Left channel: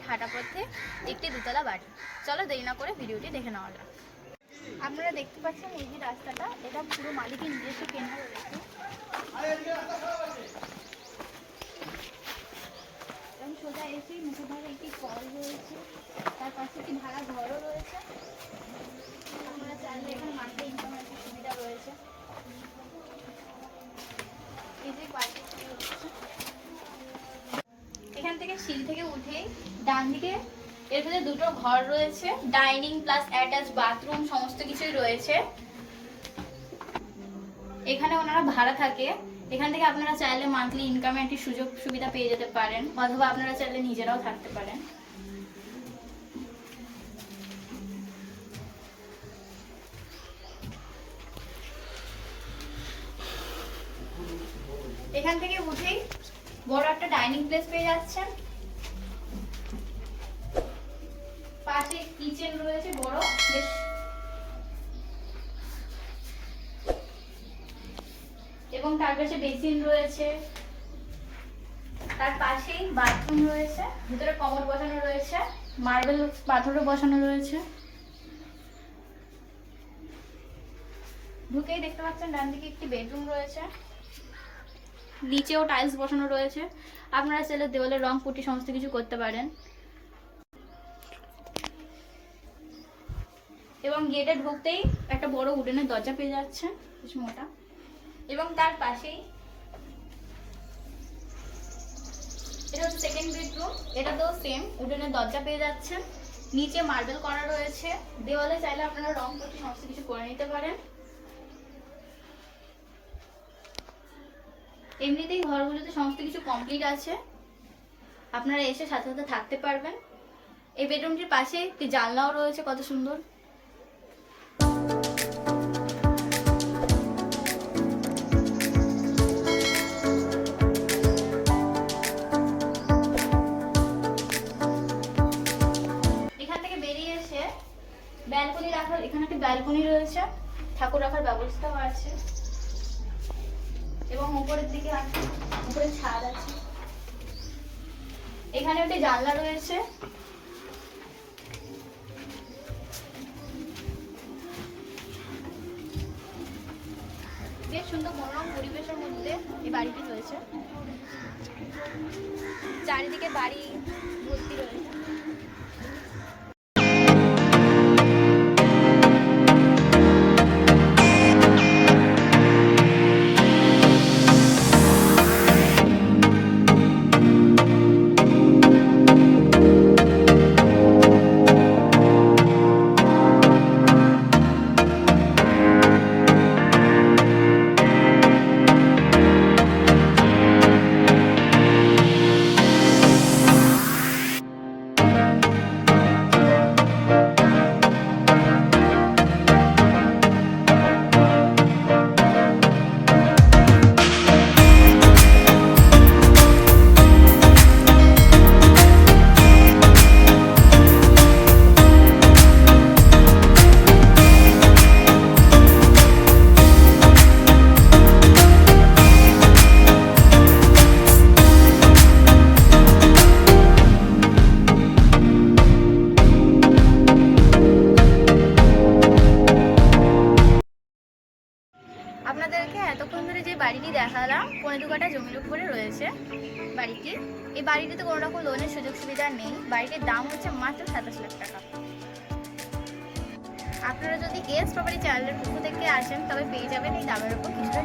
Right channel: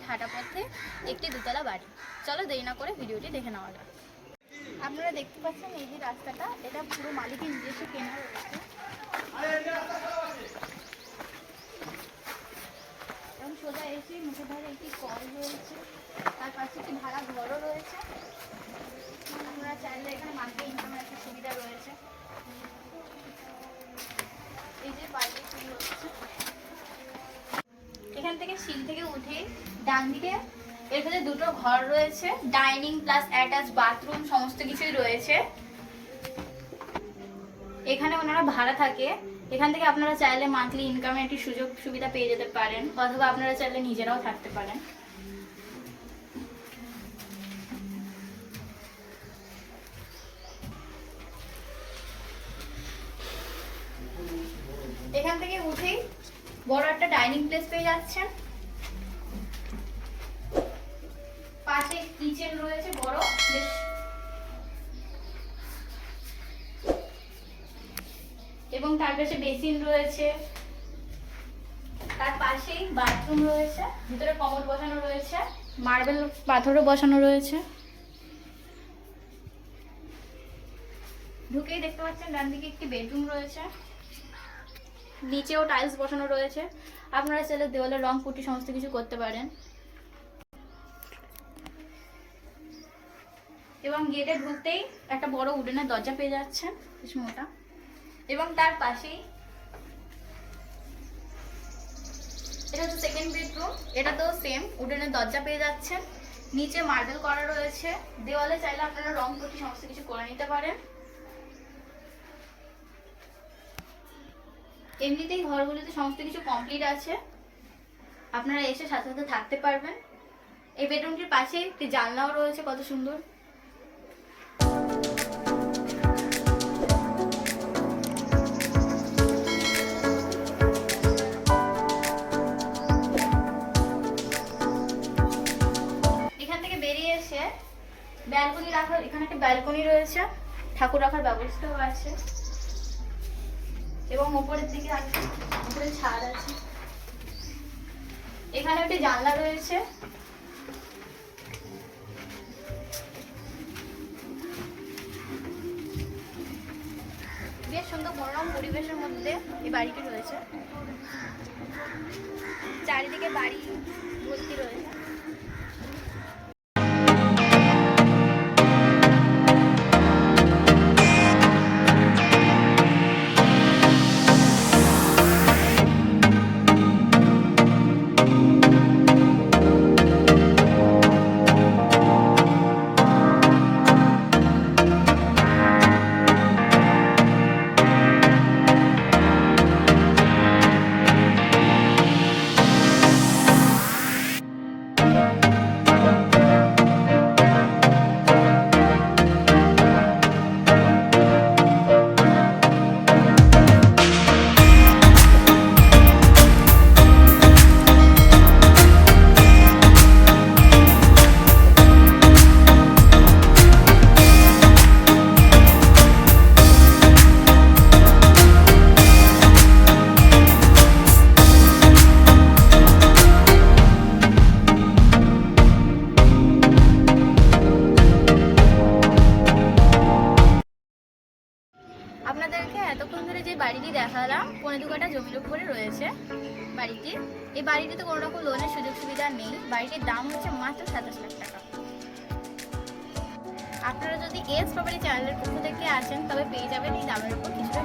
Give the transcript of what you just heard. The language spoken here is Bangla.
মিনিট হাঁটা পথে একটি দোতলা বাড়ি। চলো দেরি না করে ভিডিওটি দেখে নেওয়া যাক। আপনারা দেখতে পাচ্ছেন এই যে রাস্তাটা, এটা পুরো মালিকের নিজস্ব কেনা রয়েছে। এবং সোজা এসে মুখের ধারে একটি কল রয়েছে, তার পাশে একটি ভাড়া ঘরও রয়েছে। আপনারা চাইলে এখানে মান্থলি ইনকামের একটা সুবিধা রয়েছে। এই যে বাড়িটি শুরু হচ্ছে, এখান থেকে সিঁড়ি থেকে উঠেই ডান দিকে এর ভেতরে দুটো ঘর রয়েছে, ডাইনিং প্লাস অ্যাটাচ বাথরুম সমস্ত কিছুই রয়েছে। এখানে ওনারা ভাড়া থাকে। এখান থেকে আপনারা চাইলে মান্থলি ইনকামের একটি সুযোগ সুবিধা পেয়ে যেতে পারেন, অথবা আপনারা চাইলে নিজেরাও থাকতে পারেন। এখান থেকে উঠেই বড় একটা ডাইনিং প্লেস পেয়ে যাচ্ছেন। পাশে কিচেন রয়েছে বড় বেশ, এবং তার পাশে বেসিন রয়েছে, তার পাশেই বাথরুম রয়েছে, ভিতরে কমোড বসানো রয়েছে, মার্বেল পাথরও বসানো রয়েছে। ঢুকেই দেখতে পাচ্ছেন ডান দিকে একটি বেডরুম রয়েছে, নিচেও টাইলস বসানো রয়েছে। আপনারা চাইলে দেওয়ালের রং পুটি সমস্ত কিছু করতে পারেন। এবং গেটে ঢুকতেই একটা বড় উডেনের দরজা পেয়ে যাচ্ছেন, কিছু মোটা। এবং তার পাশেই এটা হচ্ছে সেকেন্ড বেডরুম, এটা তো সেম উডেনের দরজা পেয়ে যাচ্ছেন। নিচে মার্বেল করা রয়েছে, দেওয়ালে চাইলে আপনারা রং পুটি সমস্ত কিছু করে নিতে পারেন। এমনিতেই ঘরগুলোতে সমস্ত কিছু কমপ্লিট আছে, আপনারা এসে সাথে সাথে থাকতে পারবেন। এই বেডরুমটির পাশে একটি জানলাও রয়েছে, কত সুন্দর। এখান থেকে বেরিয়ে এসে ব্যালকনি রাখার, এখানে একটা ব্যালকনি রয়েছে, ঠাকুর রাখার ব্যবস্থাও আছে। এবং উপরের দিকে উপরে ছাদ আছে। এখানে একটা জানলা রয়েছে। বেশ সুন্দর মনোরম পরিবেশের মধ্যে এই বাড়িটি রয়েছে। চারিদিকে বাড়ি ভর্তি রয়েছে। আপনাদেরকে এতক্ষণ ধরে যে বাড়িটি দেখালাম 15 কাঠা জমির উপরে রয়েছে বাড়িটি। এই বাড়িটিতে কোনো রকম লোনের সুযোগ সুবিধা নেই। বাড়িটির দাম হচ্ছে মাত্র 27 লাখ টাকা। আপনারা যদি এস প্রপার্টি চ্যানেলের পক্ষ থেকে আসেন তবে পেয়ে যাবেন এই দামের উপর কিছুটা